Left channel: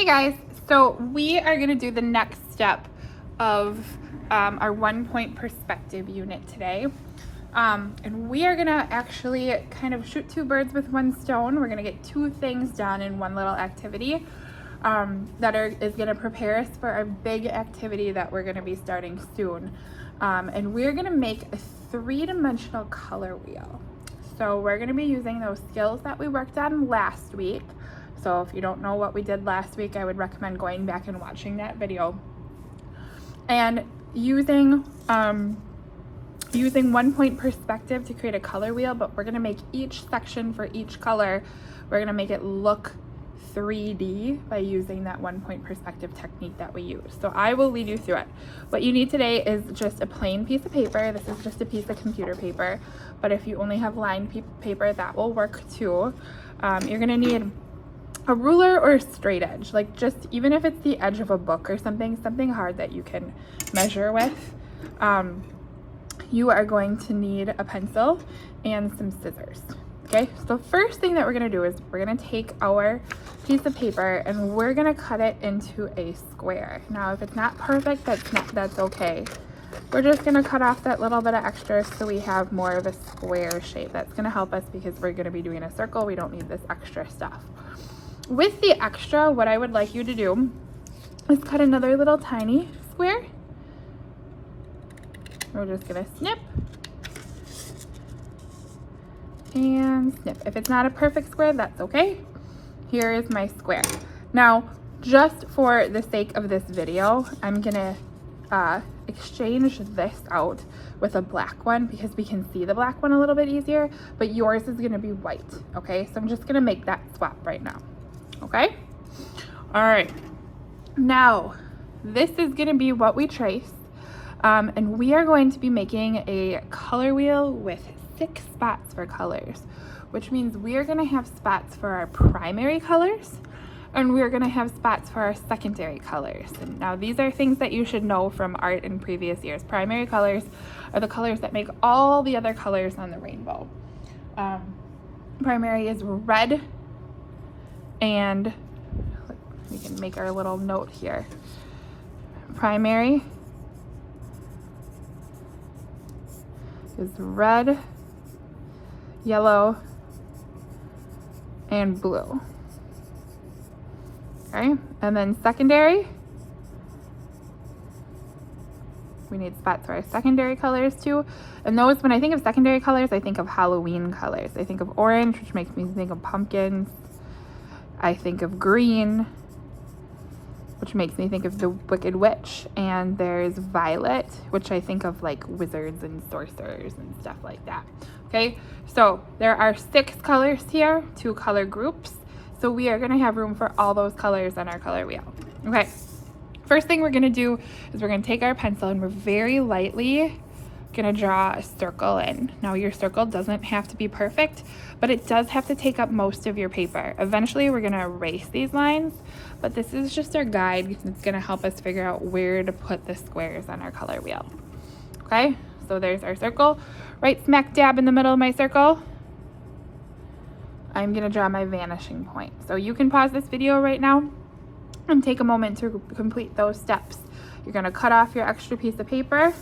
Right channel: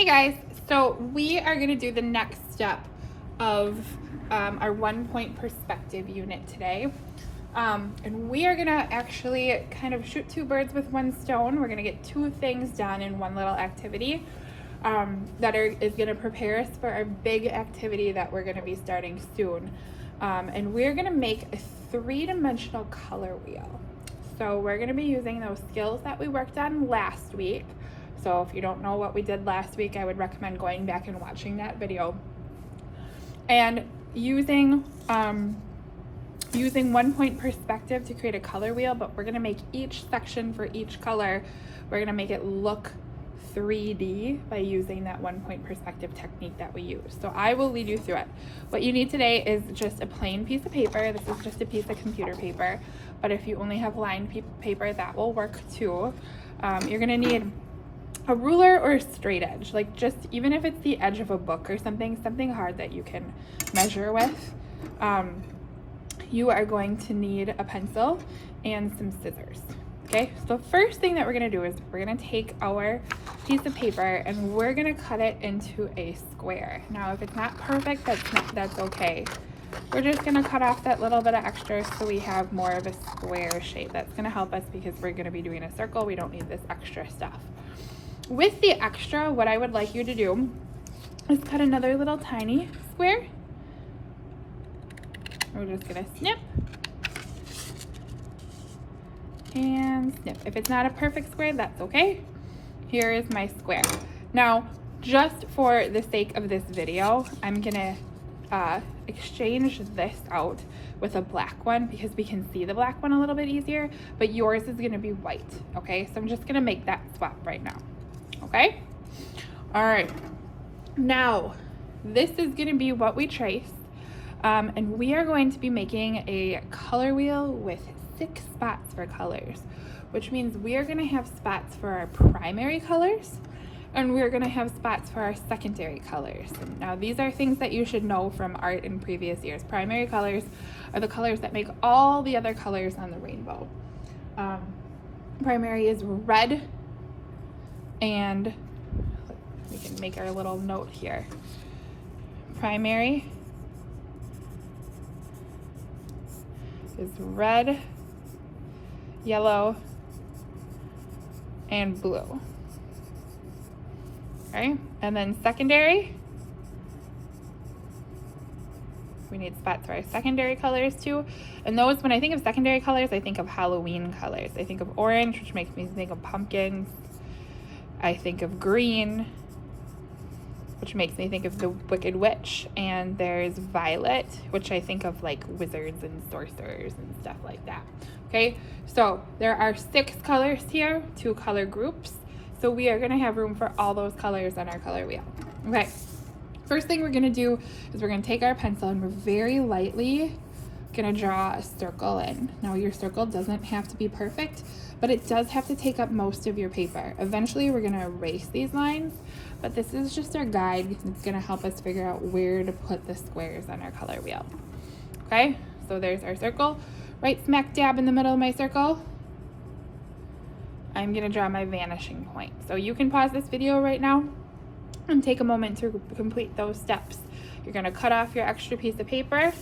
Hey guys, so we are going to do the next step of our 1-point perspective unit today. And we are going to actually kind of shoot two birds with one stone. We're going to get two things done in one little activity is going to prepare us for our big activity that we're going to be starting soon. And we're going to make a three-dimensional color wheel. So we're going to be using those skills that we worked on last week. So if you don't know what we did last week, I would recommend going back and watching that video. And using 1-point perspective to create a color wheel, but we're gonna make each section for each color, we're gonna make it look 3D by using that 1-point perspective technique that we use. So I will lead you through it. What you need today is just a plain piece of paper. This is just a piece of computer paper, but if you only have lined paper, that will work too. You're gonna need a ruler or a straight edge, like just even if it's the edge of a book or something hard that you can measure with. You are going to need a pencil and some scissors. Okay, so the first thing that we're going to do is we're going to take our piece of paper and we're going to cut it into a square. Now if it's not perfect, that's okay. We're just going to cut off that little bit of extra so we have more of a square shape. That's going to help us because we're going to be doing a circle. We don't need this extra stuff. With the extra, what I would like you to do is cut another little tiny square. We're just gonna snip and snip. If it's not a perfect square, that's okay. Here is my square. Now, just for the sake of this video, I'm gonna exchange this out with a black one because we can see the black one a little bit easier, but yours is gonna be white, okay? So I'm just gonna make that swap right now. Okay, all right, now this is going to be what we trace, and we are going to be making a color wheel with 6 spots for colors, which means we are going to have spots for our primary colors and we're going to have spots for our secondary colors. And now these are things that you should know from art in previous years. Primary colors are the colors that make all the other colors on the rainbow. Primary is red, and we can make our little note here. Primary is red, yellow, and blue. Okay, and then secondary, we need spots for our secondary colors too. And those, when I think of secondary colors, I think of Halloween colors. I think of orange, which makes me think of pumpkins. I think of green, which makes me think of the Wicked Witch, and there's violet, which I think of like wizards and sorcerers and stuff like that. Okay, so there are 6 colors here, 2 color groups, so we are going to have room for all those colors on our color wheel. Okay, first thing we're going to do is we're going to take our pencil and we're very lightly going to draw a circle in. Now your circle doesn't have to be perfect, but it does have to take up most of your paper. Eventually we're going to erase these lines, but this is just our guide. It's going to help us figure out where to put the squares on our color wheel. Okay, so there's our circle. Right smack dab in the middle of my circle, I'm going to draw my vanishing point. So you can pause this video right now and take a moment to complete those steps. You're going to cut off your extra piece of paper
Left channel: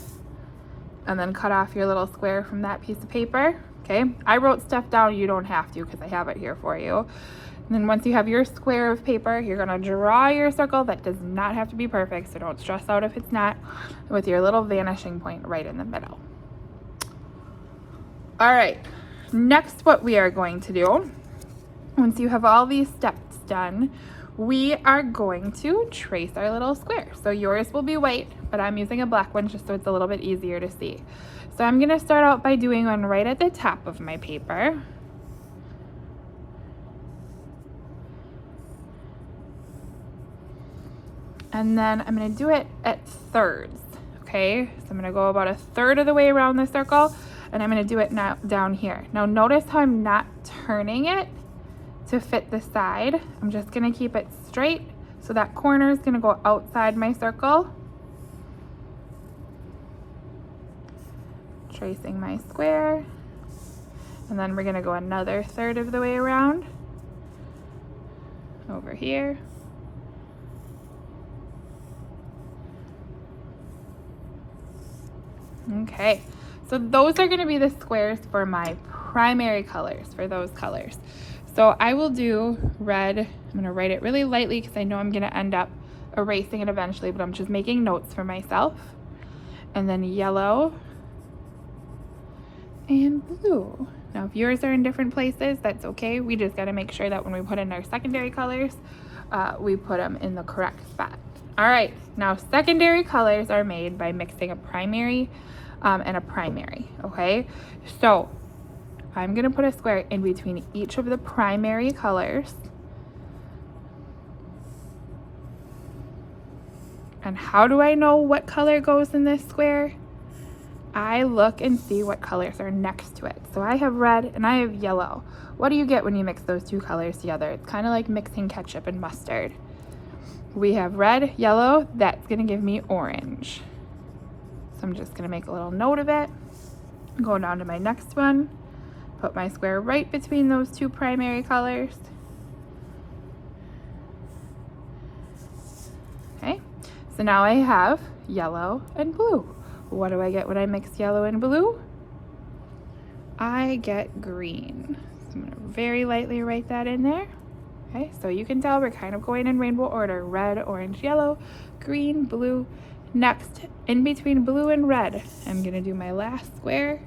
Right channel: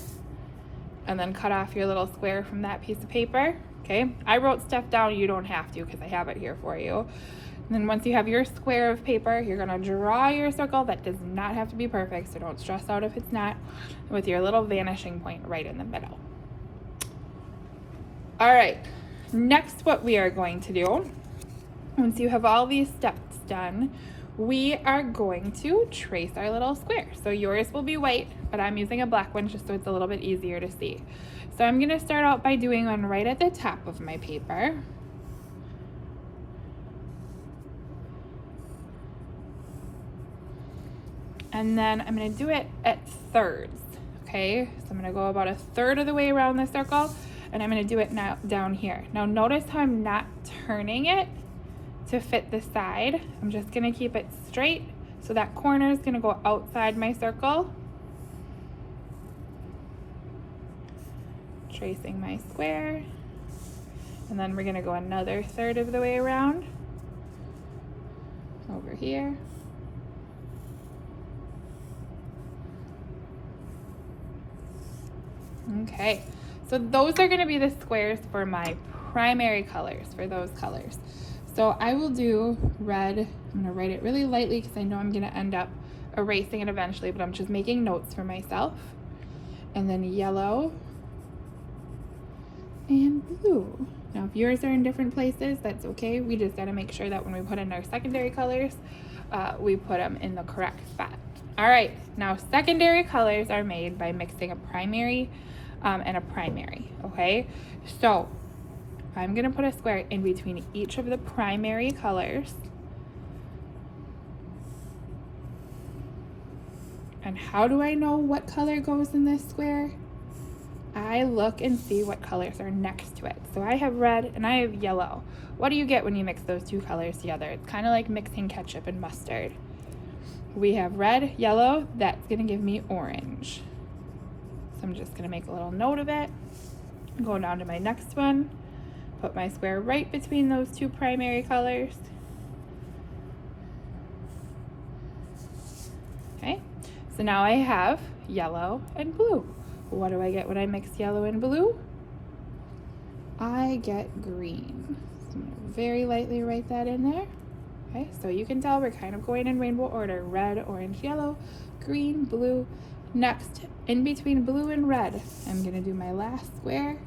and then cut off your little square from that piece of paper. Okay, I wrote stuff down, you don't have to because I have it here for you. And then once you have your square of paper, you're gonna draw your circle. That does not have to be perfect, so don't stress out if it's not, with your little vanishing point right in the middle. All right, next what we are going to do, once you have all these steps done, we are going to trace our little square. So yours will be white, but I'm using a black one just so it's a little bit easier to see. So I'm going to start out by doing one right at the top of my paper. And then I'm going to do it at thirds. Okay, so I'm going to go about a third of the way around the circle, and I'm going to do it now down here. Now notice how I'm not turning it to fit the side. I'm just going to keep it straight, so that corner is going to go outside my circle. Tracing my square, and then we're going to go another third of the way around over here, Okay, so those are gonna be the squares for my primary colors, for those colors. So I will do red. I'm gonna write it really lightly because I know I'm gonna end up erasing it eventually, but I'm just making notes for myself. And then yellow and blue. Now if yours are in different places, that's okay. We just gotta make sure that when we put in our secondary colors, we put them in the correct spot. All right, now secondary colors are made by mixing a primary and a primary, okay? So I'm gonna put a square in between each of the primary colors. And how do I know what color goes in this square? I look and see what colors are next to it. So I have red and I have yellow. What do you get when you mix those two colors together? It's kind of like mixing ketchup and mustard. We have red, yellow, that's gonna give me orange. So I'm just gonna make a little note of it. Going down to my next one, put my square right between those two primary colors. Okay, so now I have yellow and blue. What do I get when I mix yellow and blue? I get green. So I'm gonna very lightly write that in there. Okay, so you can tell we're kind of going in rainbow order. Red, orange, yellow, green, blue. Next, in between blue and red, I'm gonna do my last square